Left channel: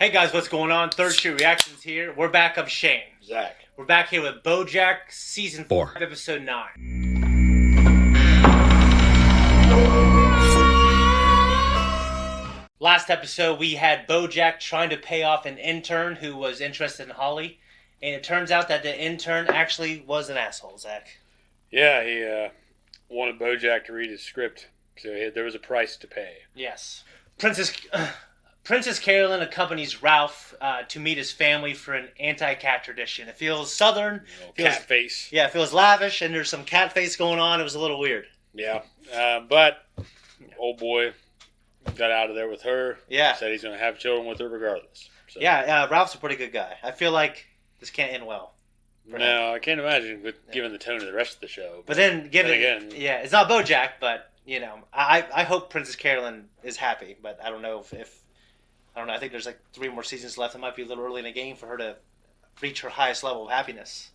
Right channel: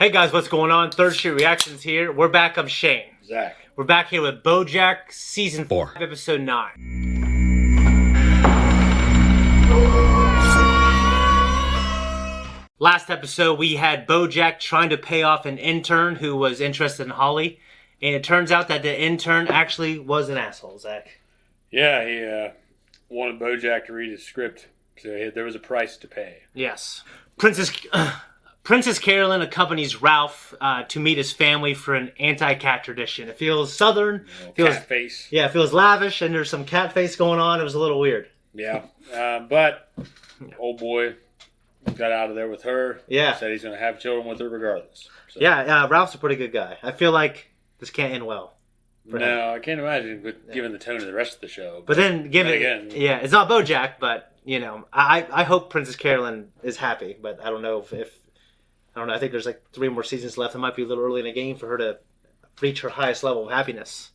Hey guys, what's going on? Third Street Reactions here. We're back. I'm Shane. Zack. We're back here with BoJack Season 4, Episode 9. Last episode, we had BoJack trying to pay off an intern who was interested in Holly. And it turns out that the intern actually was an asshole, Zack. Yeah, he wanted BoJack to read his script, so there was a price to pay. Yes. Princess Carolyn accompanies Ralph to meet his family for an anti-cat tradition. It feels southern. Cat face. Yeah, it feels lavish, and there's some cat face going on. It was a little weird. Yeah, but old boy got out of there with her. Yeah. Said he's going to have children with her regardless. So. Yeah, Ralph's a pretty good guy. I feel like this can't end well. No, I can't imagine, given the tone of the rest of the show. But then, it's not BoJack, but, you know, I hope Princess Carolyn is happy, but I don't know if I don't know. I think there's like 3 more seasons left. It might be a little early in the game for her to reach her highest level of happiness.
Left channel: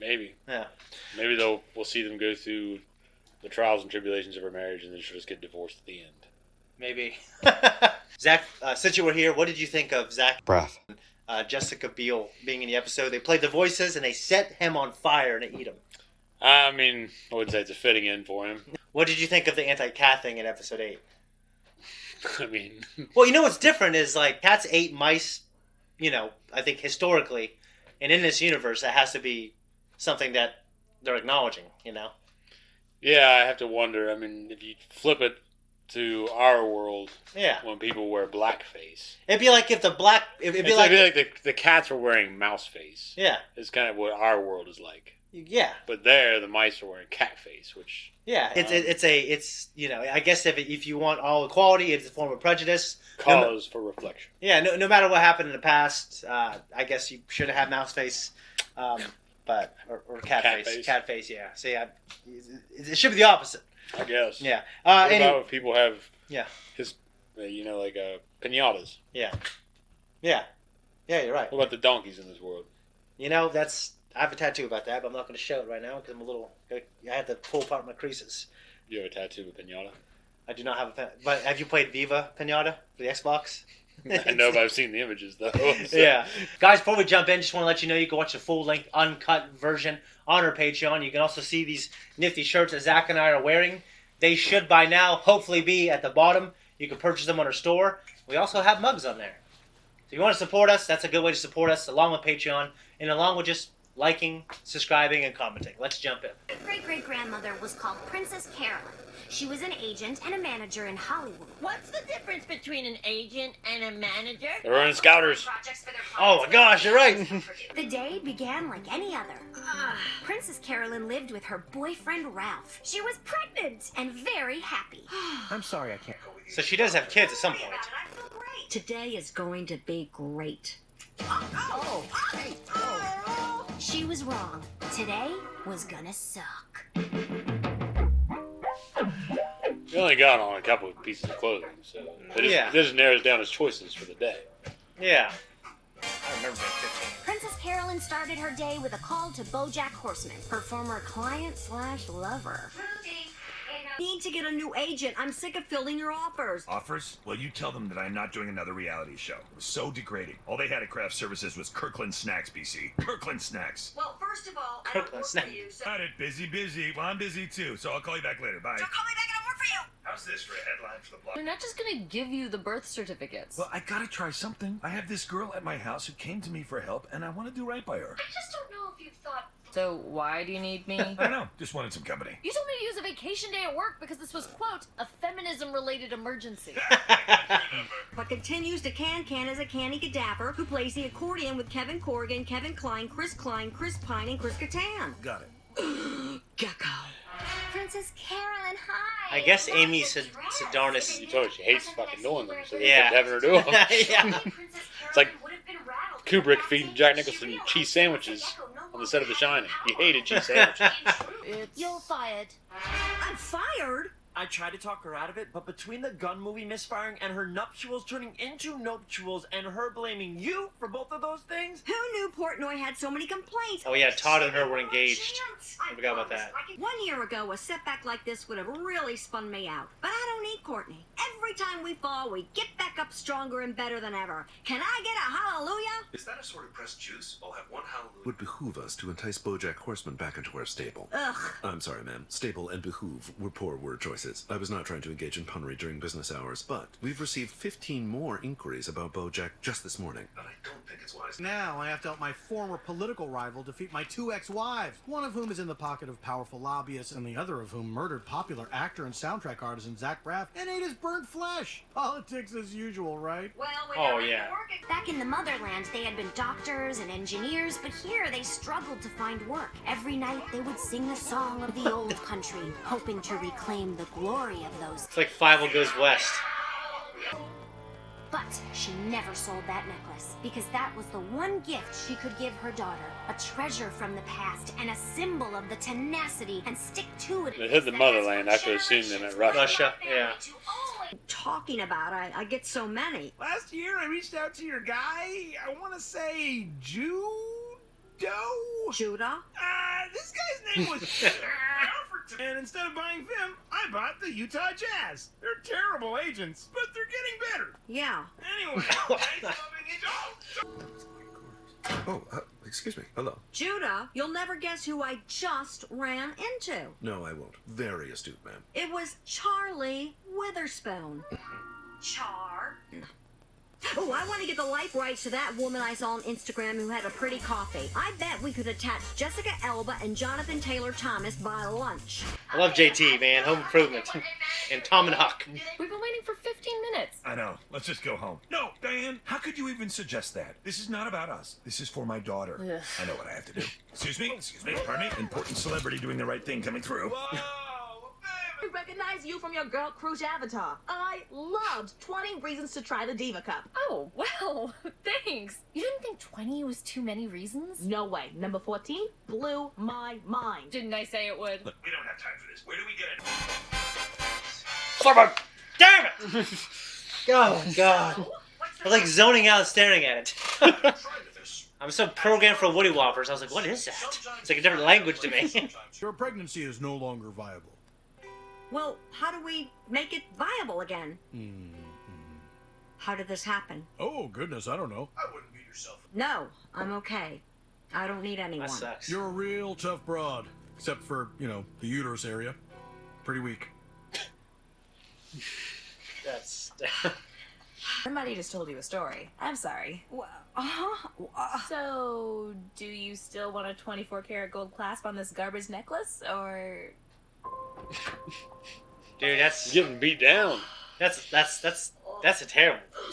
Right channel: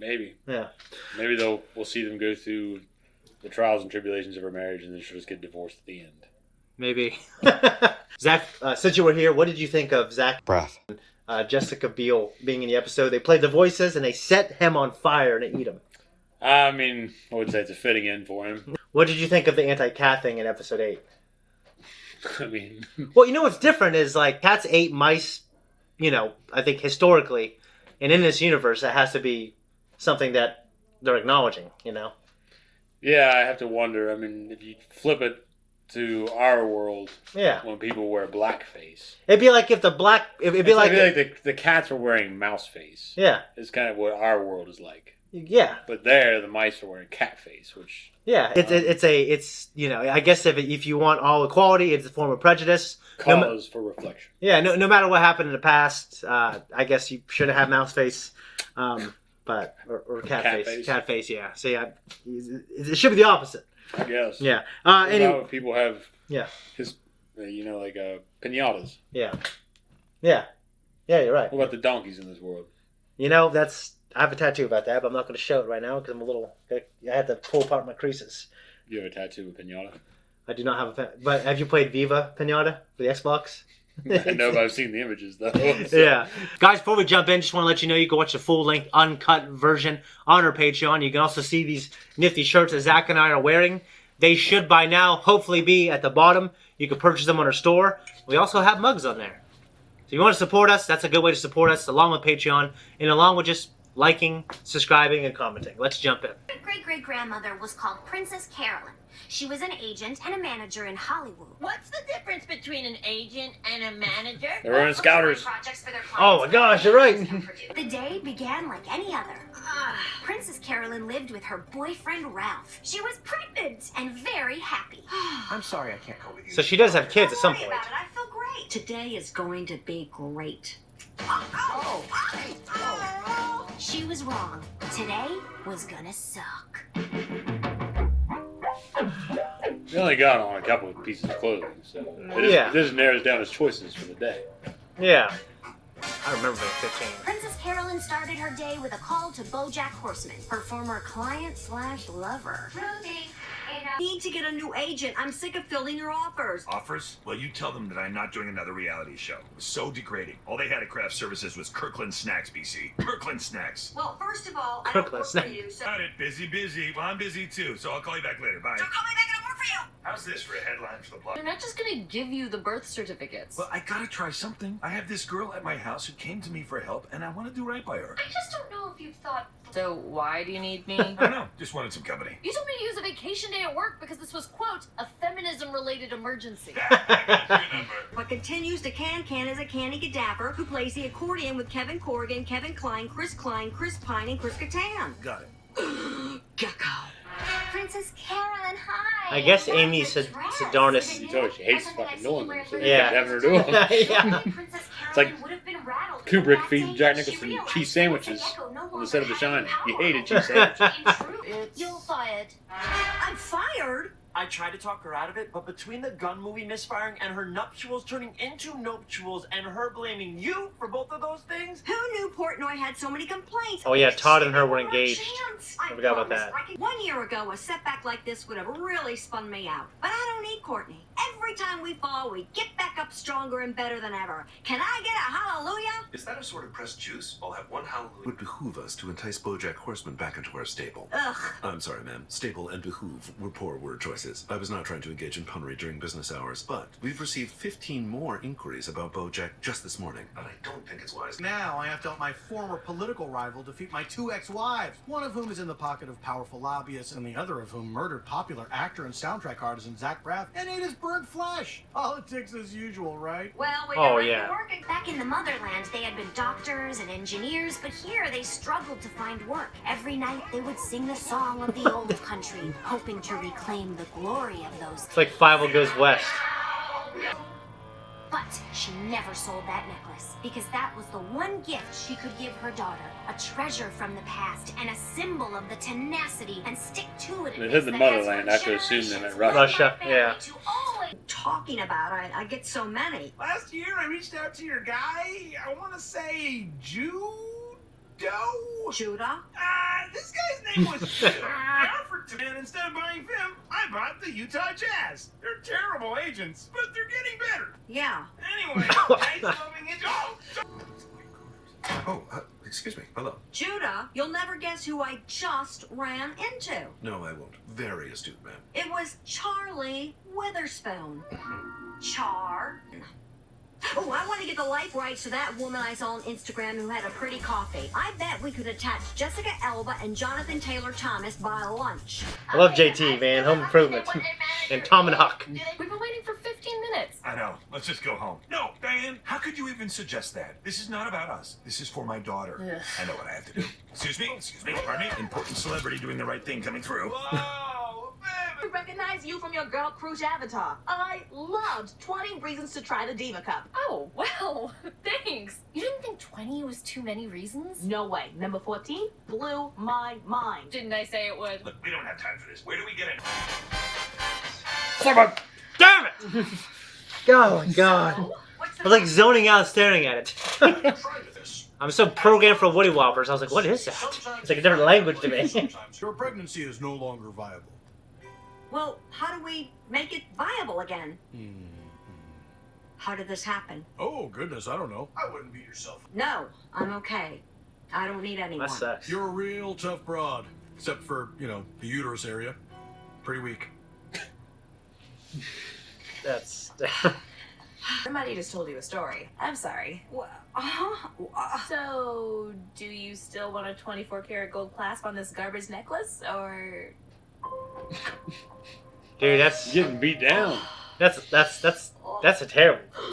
Maybe. Yeah. Maybe we'll see them go through the trials and tribulations of her marriage, and then she'll just get divorced at the end. Maybe. Zack, since you were here, what did you think of Zack? Breath. Jessica Biel being in the episode. They played the voices and they set him on fire and ate him. I mean, I would say it's a fitting end for him. What did you think of the anti-cat thing in episode 8? I mean... Well, you know what's different is, like, cats ate mice, you know, I think historically, and in this universe, it has to be something that they're acknowledging, you know? Yeah, I have to wonder. I mean, if you flip it to our world, yeah, when people wear blackface, it'd be like if the black, it'd be like the cats are wearing mouse face. Yeah, it's kind of what our world is like. Yeah, but there, the mice are wearing cat face, which it's you know, I guess if you want all equality, it's a form of prejudice. Cause for reflection. Yeah, no matter what happened in the past, I guess you shouldn't have mouse face, but or cat face. Cat face, yeah. So yeah, it should be the opposite. I guess. Yeah. Anyway, people have like piñatas. Yeah. Yeah. Yeah, you're right. What about the donkeys in this world? You know, I have a tattoo about that, but I'm not going to show it right now because I had to pull apart my creases. You have a tattoo with piñata? I do not have a but have you played Viva Piñata for the Xbox? I know, but I've seen the images, though. So. Yeah. Guys, before we jump in, just want to let you know you can watch the full-length, uncut version on our Patreon. You can also see these nifty shirts that Zack and I are wearing. They should, by now, hopefully be at the bottom. You can purchase them on our store. We also have mugs on there. So if you want to support us, that's a good way to support us, along with Patreon, and along with just liking, subscribing, and commenting. Let's jump in. My great-great-grandmother was called Princess Carolyn. She was an agent and a manager in Hollywood. What's the difference between an agent and a manager? They were in Scouters. Oh my gosh, you're right. The day began like any other. Princess Carolyn lived with her boyfriend Ralph. She was pregnant and very happy. I'm sorry, I can't believe you. So she does have kids at some point. I feel great. Today is going to be great. She was wrong. Today was gonna suck. He only got on a couple of pieces of clothing, so it just narrows down his choices for the day. Yeah. I remember being 15. Princess Carolyn started her day with a call to BoJack Horseman, her former client/lover. Ruthie, Need to get a new agent. I'm sick of filling your offers. Offers? Well, you tell them that I'm not doing another reality show. It was so degrading. All they had at craft services was Kirkland Snacks, BC. Kirkland Snacks. Well, first of all, I Kirkland don't work Snacks. for you, so... Got it. Busy. Well, I'm busy too, so I'll call you back later. Bye. Don't call me back, I don't work for you! How's this for a headline for the blog? They're not just gonna give you the birth certificates. Well, I gotta try something. I have this girl at my house who came to me for help, and I want to do right by her. I just don't know if you've thought... So why do you need me? I don't know. Just wanted some company. You told me to use a vacation day at work because this was, quote, a feminism-related emergency. What continues to can is a Canny Gaddaver who plays the accordion with Kevin Corrigan, Kevin Kline, Chris Pine, and Chris Kattan. Got it. Gecko. Princess Carolyn, hi. I guess Amy Sedaris. So she hates fucking knowing them, so they Yeah. kept having her do them. Yeah. It's like Kubrick feeding Jack Nicholson cheese sandwiches on the set of The Shining. He hated cheese sandwiches. You're fired. I'm fired? I tried to talk her out of it, but between the gun movie misfiring and her nuptials turning into nuptials and her blaming you for both of those things... Who knew Portnoy had so many complaints? Oh yeah, Todd and her were engaged. I forgot about that. 1 year ago, a setback like this would have really spun me out. But I don't need Courtney. Every time we fall, we get back up stronger and better than ever. Can I get a hallelujah? Is that a sort of pressed juice? I'll have one hallelujah. Would behoove us to entice BoJack Horseman back into our stable. Ugh. I'm sorry, ma'am. Stable and behoove were poor word choices. I was not trying to engage in punnery during business hours, but we've received 15 more inquiries about BoJack just this morning, and I don't think it's wise. Now I have to help my former political rival defeat my 2 ex-wives, one of whom is in the pocket of powerful lobbyists, and the other of whom murdered popular actor and soundtrack artisan Zack and ate his burnt flesh. Politics as usual, right? Well, we Oh, got yeah. working. Back in the motherland, they had been doctors and engineers, but here they struggled to find work. Every night they would sing the song of the old country, hoping to reclaim the glory of those. It's like Five Goes West. But she never sold that necklace, because that was the one gift she could give her daughter. A treasure from the past and a symbol of the tenacity and stick to it. They hit the motherland. I could assume they meant Russia. Russia, yeah. Talking about, I get so many. Last year, I reached out to your guy. I want to say Judo? Judah? This guy's name was and instead of buying them, I bought the Utah Jazz. They're terrible agents, but they're getting better. Yeah. Anyway, nice loving it. Oh, excuse me. Hello. Judah, you'll never guess who I just ran into. No, I won't. Very astute, ma'am. It was Charlie Witherspoon. Char. Oh, I want to get the life rights to that woman I saw on Instagram who had a pretty coffee. I bet we could attach Jessica Elba and Jonathan Taylor Thomas by lunch. I love JT, man. Home Improvement. And Tom and Huck. We've been waiting for 15 minutes. I know. Let's just go home. No, Diane, how could you even suggest that? This is not about us. This is for my daughter. Ugh. I know what I have to do. Excuse me, pardon me. Important celebrity doing the right thing coming through. We recognize you from your Girl Cruise avatar. I loved 20 Reasons to Try the Diva Cup. Oh, well, thanks. You didn't think 20 was too many reasons? No way. Number 14 blew my mind. Didn't I say it would? Look, we don't have time for this. Where do we get it? Someone! Damn it! Oh, God. I was like zoning out staring at it. I'm so programmed for Woody Whoppers. I was like, what is that? It's like a different language to me. Your pregnancy is no longer viable. Well, how do we make it viable again? How did this happen? Oh, goodness, I don't know. I wouldn't beat yourself. No, I'm okay. I don't need anyone. That sucks. You're a real tough broad. Except for, you know, the uterus area. Pretty weak. That's... Somebody just told you a story. I'm sorry. So, do you still want a 24-karat gold clasp on this garbage necklace, or... Dude, that's Getting beat down. that's a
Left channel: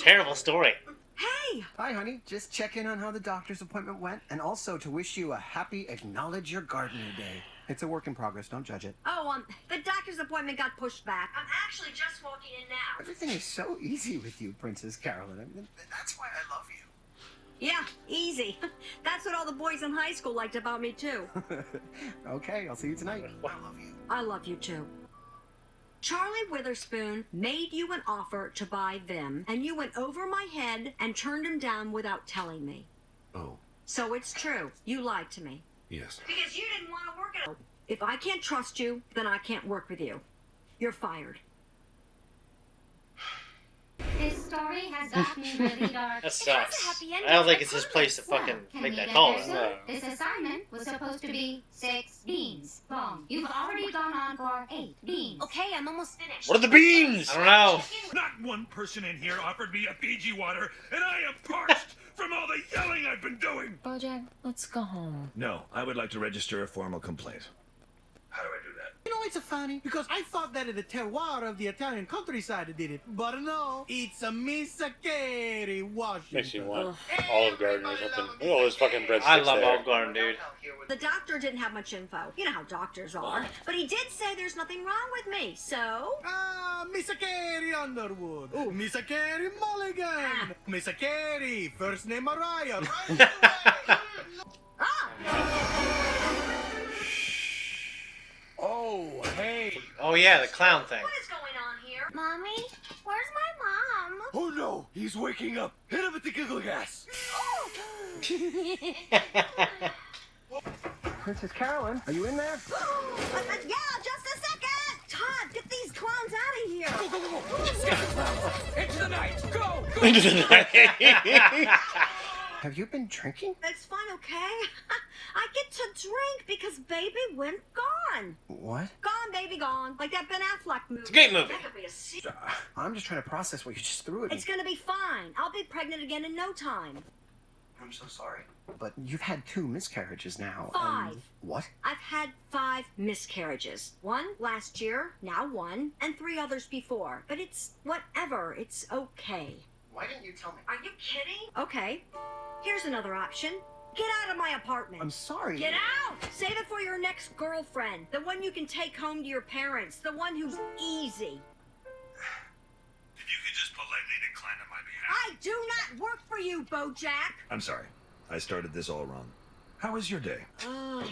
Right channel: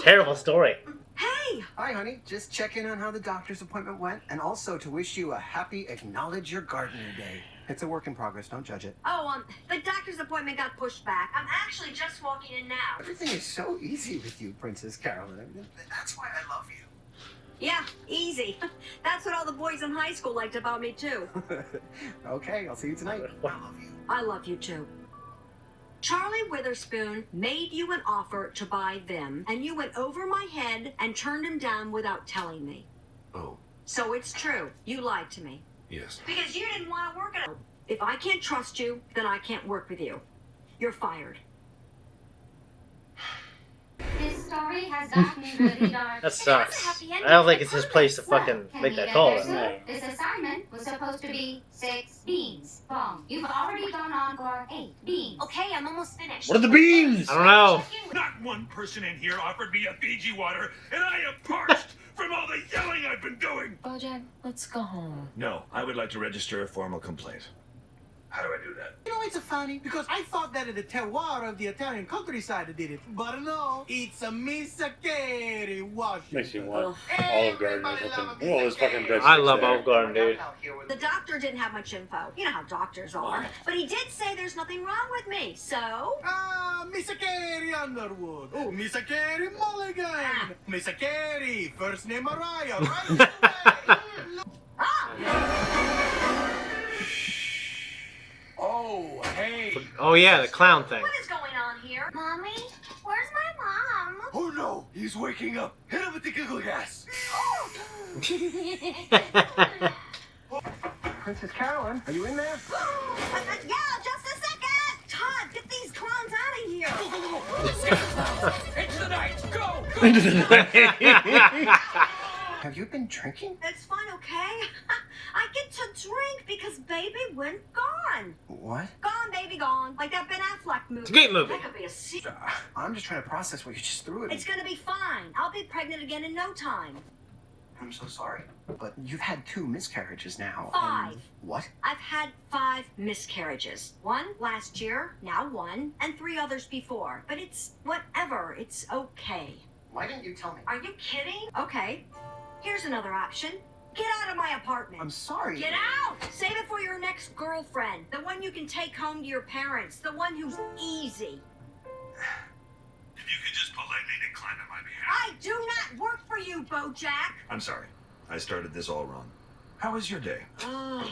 terrible story. Hey! Hi, honey. Just check in on how the doctor's appointment went, and also to wish you a happy Acknowledge Your Gardener Day. It's a work in progress. Don't judge it. Oh, the doctor's appointment got pushed back. I'm actually just walking in now. Everything is so easy with you, Princess Carolyn. I mean, that's why I love you. Yeah, easy. That's what all the boys in high school liked about me, too. Okay, I'll see you tonight. I love you. I love you, too. Charlie Witherspoon made you an offer to buy them, and you went over my head and turned him down without telling me. Oh, So it's true. You lied to me. yes. Because you didn't want to work at all. If I can't trust you, then I can't work with you. You're fired. This story has gotten really dark. That sucks. happy ending I don't think for it's his the place to Well, fucking can make we that get call. there soon? This assignment was supposed to be 6 beans. Wrong. You've already gone on for 8 beans. Okay, I'm almost finished. What are the beans? I don't know. Not one person in here offered me a Fiji water, and I am parched from all the yelling I've been doing. BoJack, let's go home. No, I would like to register a formal complaint. How do I do that? You know, it's funny, because I thought that in the terroir of the Italian countryside did it. But no, it's a Misakeri, Washington. Makes you want Olive Garden or something. Look at all those fucking breadsticks I love there. Olive Garden, dude. The doctor didn't have much info. You know how doctors are. But he did say there's nothing wrong with me, so... Misakeri Underwood. Oh, Misakeri Mulligan. Misakeri, first name Mariah. Ah! Oh, hey. Oh yeah, the clown thing. What is going on here? Mommy, where's my mom? Oh no, he's waking up. Hit him with the giggle gas. Princess Carolyn, are you in there? Yeah, just a second. Todd, get these clowns out of here. Go, go, go, go. Into the night. Go, Into the night. Have you been drinking? It's fine, okay? I get to drink because baby went gone. What? Gone, baby, gone. Like that Ben Affleck movie. It's a great movie. That could be a secret. I'm just trying to process what you just threw at me. It's gonna be fine. I'll be pregnant again in no time. I'm so sorry. But you've had 2 miscarriages now. 5. What? I've had 5 miscarriages. 1 last year, now 1, and 3 others before. But it's whatever. It's okay. Why didn't you tell me? Are you kidding? Okay. Here's another option. Get out of my apartment. I'm sorry. Get out! Save it for your next girlfriend. The one you can take home to your parents. The one who's easy. If you could just politely decline on my behalf. I do not work for you, BoJack. I'm sorry. I started this all wrong. How was your day? Well,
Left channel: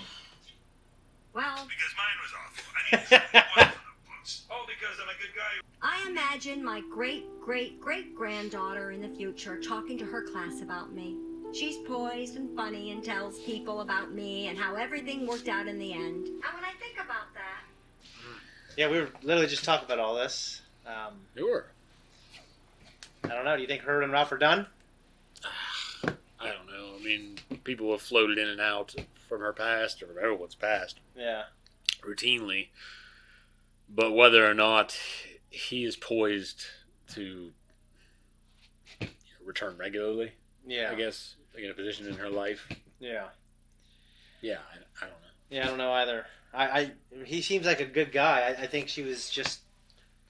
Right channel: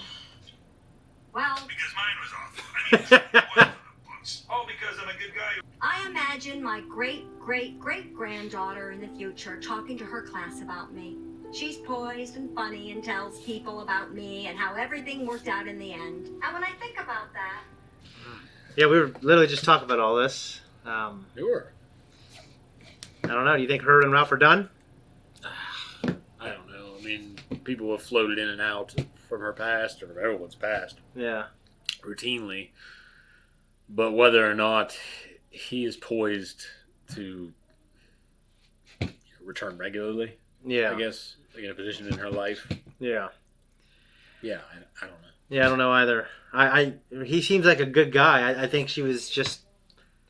Because mine was awful. I mean, it wasn't close. Oh, because I'm a good guy. I imagine my great-great-great-granddaughter in the future talking to her class about me. She's poised and funny and tells people about me and how everything worked out in the end. And when I think about that... Yeah, we were literally just talking about all this. Sure. I don't know. Do you think her and Ralph are done? I don't know. I mean, people have floated in and out from her past or from everyone's past. Yeah. Routinely. But whether or not he is poised to return regularly, Yeah. I guess, like in a position in her life. Yeah. Yeah, I don't know. Yeah, I don't know either. He seems like a good guy. I think she was just...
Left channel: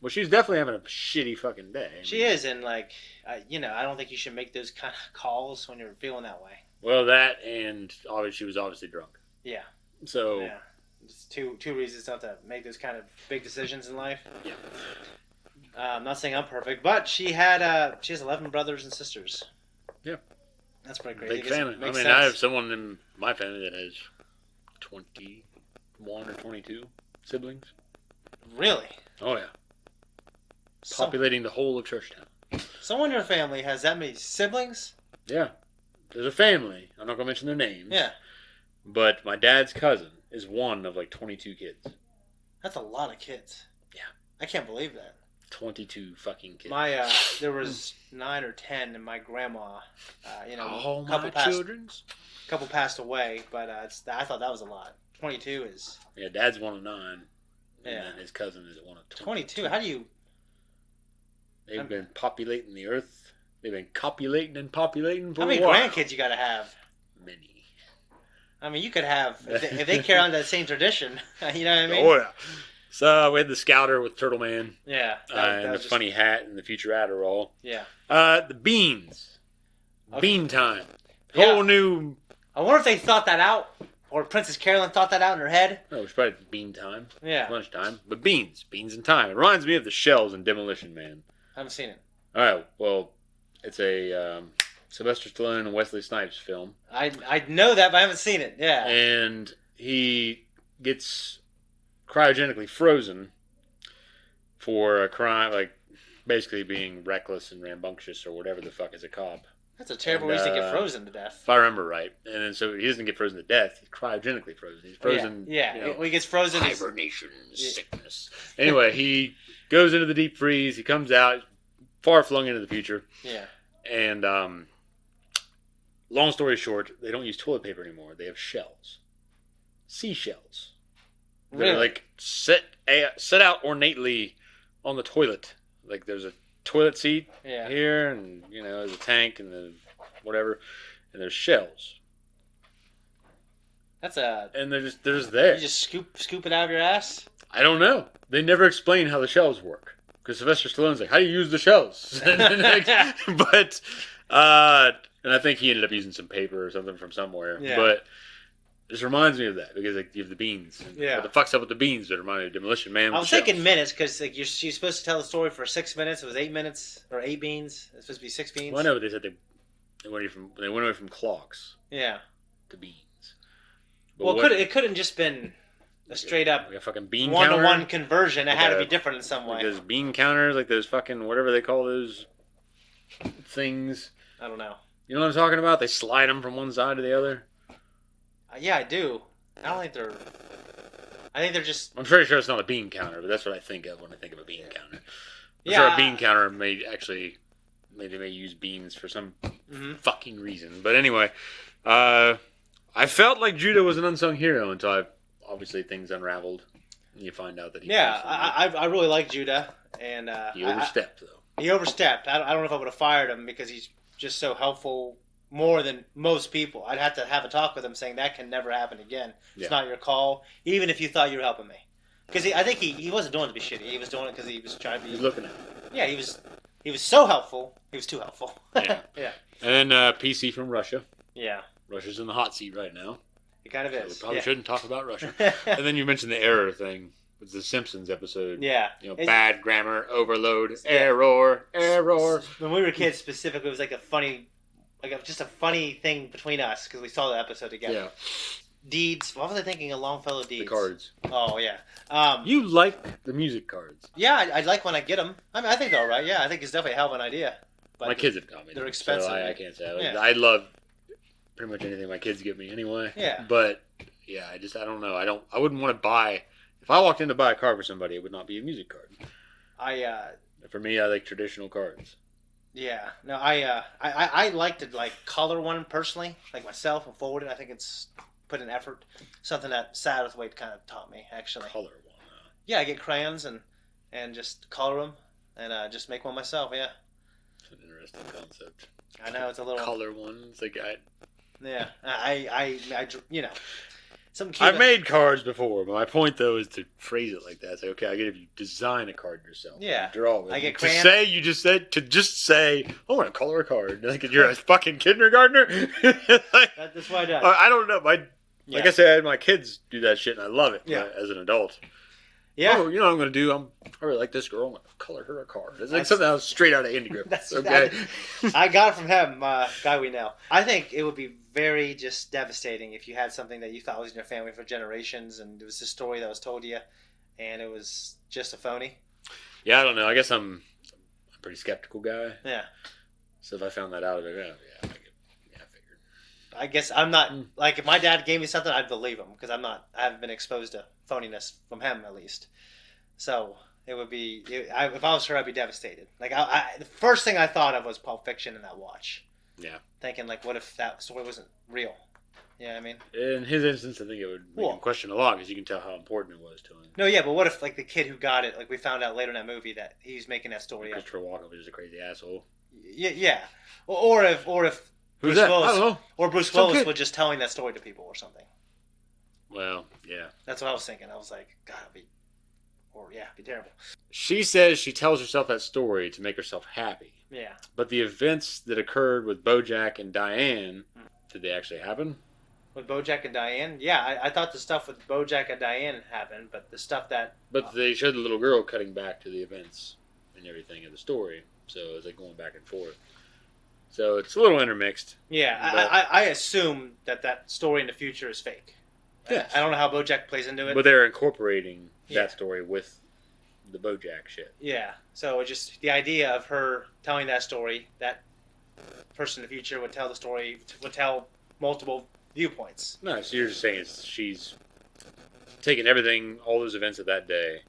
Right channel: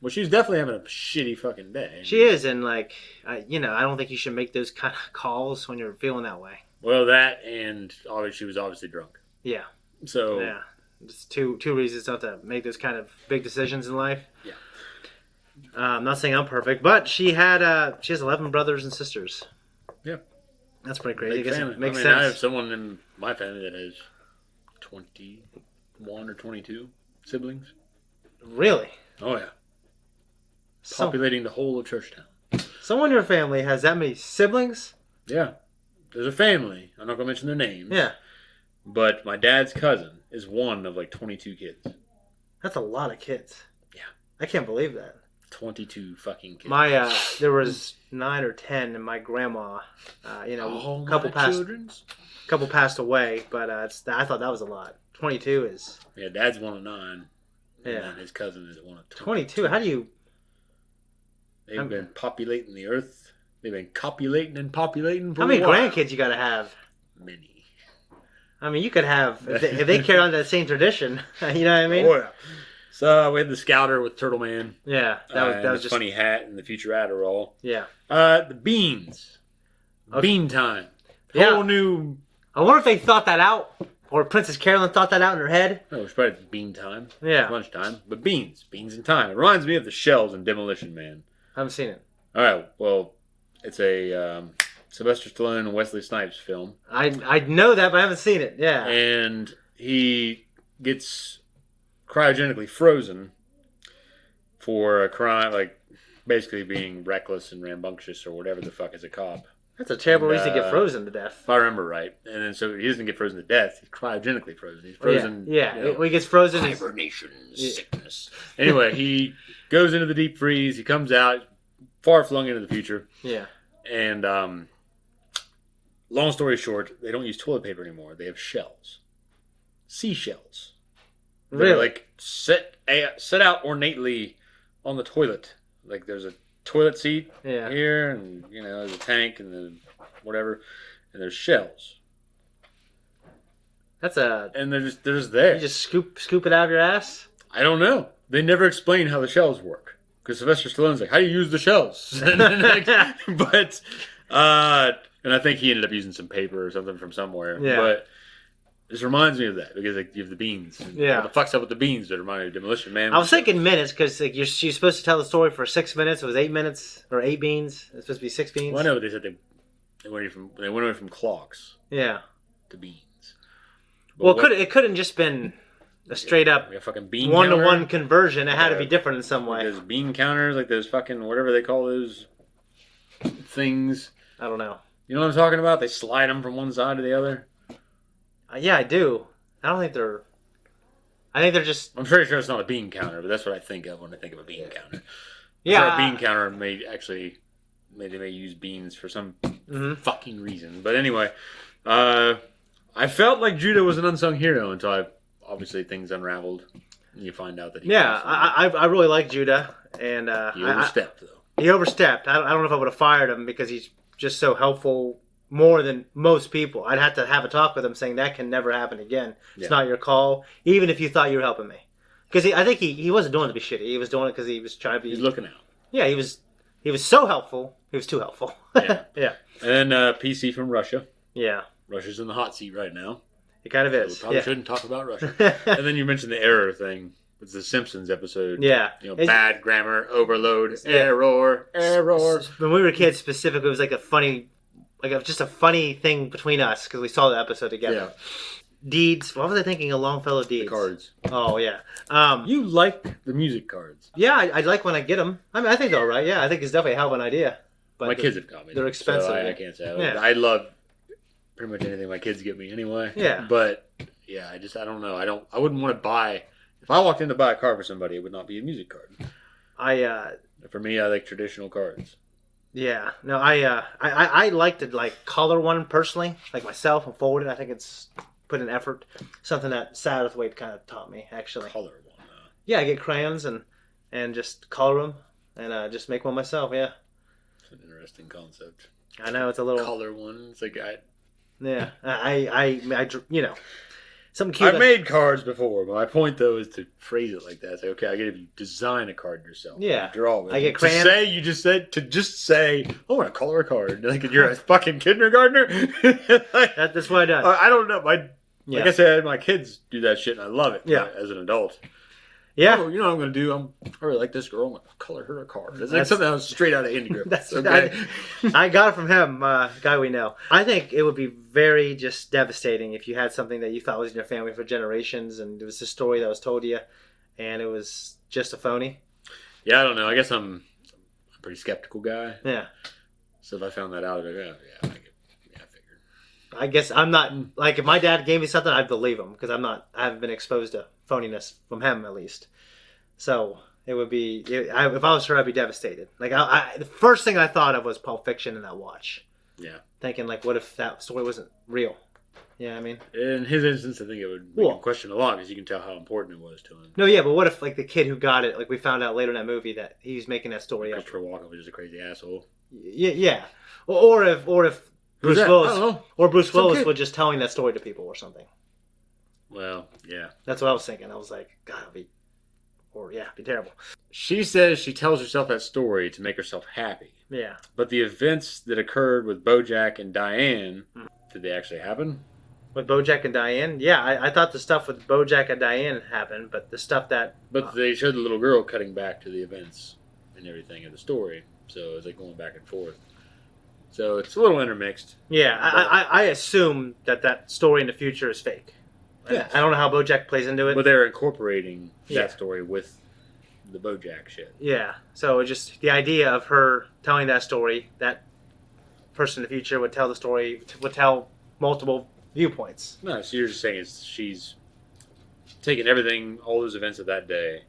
Well, she's definitely having a shitty fucking day. She is, and like, I don't think you should make those kind of calls when you're feeling that way. Well, that and obviously she was obviously drunk. Yeah. So yeah, it's two reasons not to make those kind of big decisions in life. Yeah. I'm not saying I'm perfect, but she has 11 brothers and sisters. Yeah. That's pretty crazy. Big I guess family. it makes I sense. have someone in my family that has 21 or 22 siblings. Really? Oh yeah. Populating the whole of Churchtown. Someone in your family has that many siblings? Yeah. There's a family. I'm not going to mention their names. Yeah. But my dad's cousin is one of like 22 kids. That's a lot of kids. Yeah. I can't believe that. 22 fucking kids. My there was 9 or 10, and my grandma, Oh, couple my children's. couple passed away, but I thought that was a lot. 22 is... Yeah, dad's one of 9. Yeah. And his cousin is one of 22. How do you... They've been populating the earth. They've been copulating and populating for How many a while. grandkids you gotta have? Many. I mean, you could have... If they carry on that same tradition, you know what I mean? Oh, yeah. So we had the Scouter with Turtle Man. Yeah. That was just... funny hat and the future Adderall. Yeah. The beans. Okay. Bean time. Yeah. Whole new... I wonder if they thought that out, or Princess Carolyn thought that out in her head. Oh, it was probably bean time. Yeah. Lunchtime. But beans. Beans in time. It reminds me of the shells in Demolition Man. I haven't seen it. All right. Well, it's a Sylvester Stallone and Wesley Snipes film. I know that, but I haven't seen it. Yeah. And he gets cryogenically frozen for a crime, like basically being reckless and rambunctious or whatever the fuck as a cop. That's a terrible reason to get frozen to death. If I remember right. And then so he doesn't get frozen to death. He's cryogenically frozen. He's frozen. Yeah. You know, When he gets frozen, hibernation sickness. Anyway, he goes into the deep freeze. He comes out far flung into the future. Yeah. And long story short, they don't use toilet paper anymore. They have shells. Seashells. Really? They're like set out ornately on the toilet. Like there's a toilet seat here, and there's a tank and the whatever, and there's shells. And they're just there. You just scoop it out of your ass? I don't know. They never explain how the shells work. Because Sylvester Stallone's like, how do you use the shells? And I think he ended up using some paper or something from somewhere. Yeah. But this reminds me of that because like you have the beans. Yeah. What the fuck's up with the beans that remind me of Demolition Man? I was thinking minutes because like she's supposed to tell the story for 6 minutes. It was 8 minutes or 8 beans. It's supposed to be 6 beans. Well, I know, but they said they went away from clocks. Yeah. To beans. But well, it couldn't just been a straight up like a fucking bean one-to-one counter. conversion. It had to be different in some way. Like those bean counters, like those fucking whatever they call those things. I don't know. You know what I'm talking about? They slide them from one side to the other. Yeah, I do. I don't think they're. I think they're just. I'm pretty sure it's not a bean counter, but that's what I think of when I think of a bean counter. Yeah, a bean counter may use beans for some fucking reason. But anyway, I felt like Judah was an unsung hero until obviously things unraveled. And you find out that I really like Judah, and he overstepped though. He overstepped. I don't know if I would have fired him because he's just so helpful more than most people. I'd have to have a talk with him saying that can never happen again. It's not your call, even if you thought you were helping me. Because I think he wasn't doing it to be shitty. He was doing it because he was trying to be. He's looking at it. Yeah, he was so helpful. He was too helpful. Yeah. Yeah. And then PC from Russia. Yeah. Russia's in the hot seat right now. It kind of is. So we probably shouldn't talk about Russia. And then you mentioned the error thing. It's the Simpsons episode. Yeah. Bad grammar, overload, error. When we were kids, specifically, it was like a funny, just a funny thing between us because we saw the episode together. Yeah. Deeds. What was I thinking? A Longfellow Deeds. The cards. Oh yeah. You like the music cards? Yeah, I like when I get them. I mean, I think they're all right. Yeah, I think it's definitely a hell of an idea. But my kids have got me. They're expensive. So I can't say. Yeah. I love pretty much anything my kids give me anyway. Yeah. But yeah, I don't know. I wouldn't want to buy. If I walked in to buy a card for somebody, it would not be a music card. For me, I like traditional cards. Yeah. No, I like to color one personally, like myself, and forward it. I think it's put in effort. Something that Satterthwaite kind of taught me, actually. Color one. Yeah, I get crayons and just color them and just make one myself. Yeah. It's an interesting concept. I know it's a little color one. It's like yeah. I something cute. I've made cards before, but my point though is to phrase it like that. Say, okay, I get if you design a card yourself. Yeah. Draw it. I get crayons. To just say, I want to color a card. Like you're a fucking kindergartner. That's what I do. I don't know. Like I said, my kids do that shit, and I love it. Yeah. As an adult. Yeah. Oh, you know what I'm going to do? I really like this girl. I'm going to color her a card. It's like something that was straight out of Indie Grip. Okay. I got it from him, guy we know. I think it would be very just devastating if you had something that you thought was in your family for generations, and it was a story that was told to you, and it was just a phony. Yeah, I don't know. I guess I'm a pretty skeptical guy. Yeah. So if I found that out, I'd be like, I figured. I guess I'm not like if my dad gave me something, I'd believe him because I haven't been exposed to phoniness from him at least. So it would be if I was her, I'd be devastated. Like the first thing I thought of was Pulp Fiction and that watch. Yeah. Thinking like, what if that story wasn't real? You know what I mean? In his instance, I think it would make him question a lot because you can tell how important it was to him. No, yeah, but what if like the kid who got it, like we found out later in that movie that he's making that story up. Christopher Walken was just a crazy asshole. Yeah. Or if Bruce Willis was just telling that story to people or something. Well, yeah. That's what I was thinking. I was like, God, it'd be terrible. She says she tells herself that story to make herself happy. Yeah. But the events that occurred with BoJack and Diane, did they actually happen? With BoJack and Diane? Yeah, I thought the stuff with BoJack and Diane happened, but the stuff that... But they showed the little girl cutting back to the events and everything of the story. So it was like going back and forth. So it's a little intermixed. Yeah, I assume that story in the future is fake. Yes. I don't know how BoJack plays into it. But they're incorporating that story with the BoJack shit. Yeah, so it's just the idea of her telling that story, that person in the future would tell the story, would tell multiple viewpoints. No, so you're just saying she's taking everything, all those events of that day,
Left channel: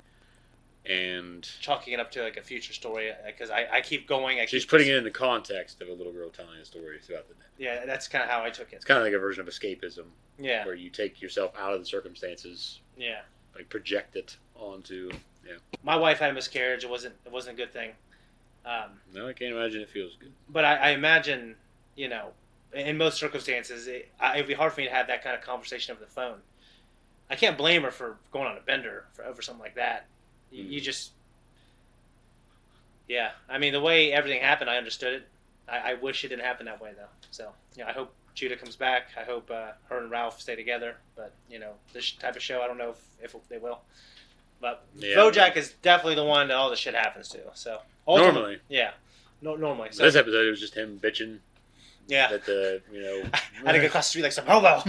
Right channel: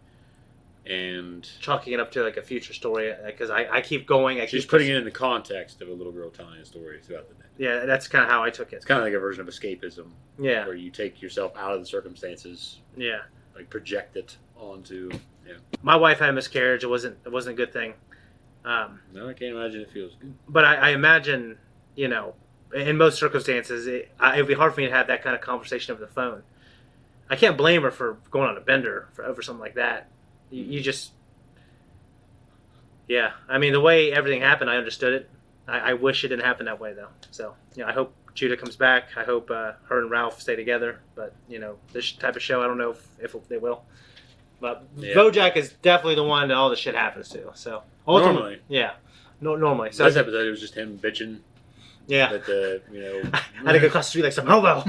and chalking it up to like a future story because I keep going. She's putting it in the context of a little girl telling a story throughout the day. Yeah, that's kind of how I took it. It's kind of like a version of escapism. Yeah, where you take yourself out of the circumstances. Yeah, like project it onto. Yeah. My wife had a miscarriage. It wasn't a good thing. No, I can't imagine it feels good. But I imagine, in most circumstances, it'd be hard for me to have that kind of conversation over the phone. I can't blame her for going on a bender over something like that. You just... Yeah. I mean, the way everything happened, I understood it. I wish it didn't happen that way, though. So, I hope Judah comes back. I hope her and Ralph stay together. But, this type of show, I don't know if they will. But yeah. BoJack is definitely the one that all the shit happens to. So normally. Yeah. Normally. So this episode, it was just him bitching. Yeah. That I had to go across the street like some hobo.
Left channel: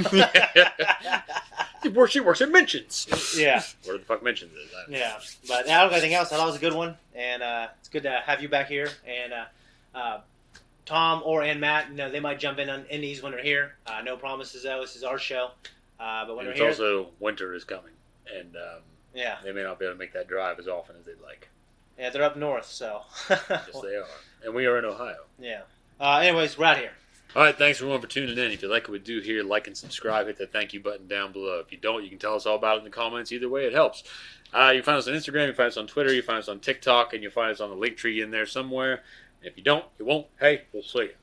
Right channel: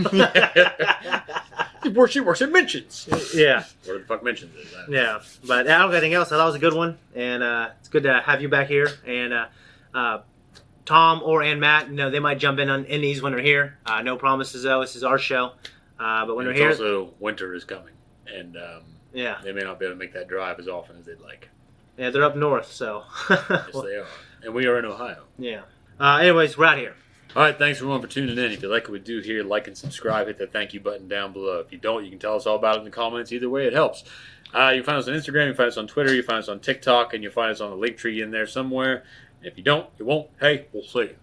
Where she works at Mentions. Yeah. Where the fuck Mentions is that? Yeah. But I don't got anything else. I thought it was a good one. And it's good to have you back here. And Tom and Matt, they might jump in on indies when they're here. No promises, though. This is our show. But when they're here... also winter is coming. And yeah, they may not be able to make that drive as often as they'd like. Yeah, they're up north, so... Yes, they are. And we are in Ohio. Yeah. Anyways, we're out here. All right, thanks everyone for tuning in. If you like what we do here, like and subscribe. Hit that thank you button down below. If you don't, you can tell us all about it in the comments. Either way, it helps. You can find us on Instagram, you can find us on Twitter, you can find us on TikTok, and you'll find us on the link tree in there somewhere. If you don't, you won't. Hey, we'll see you.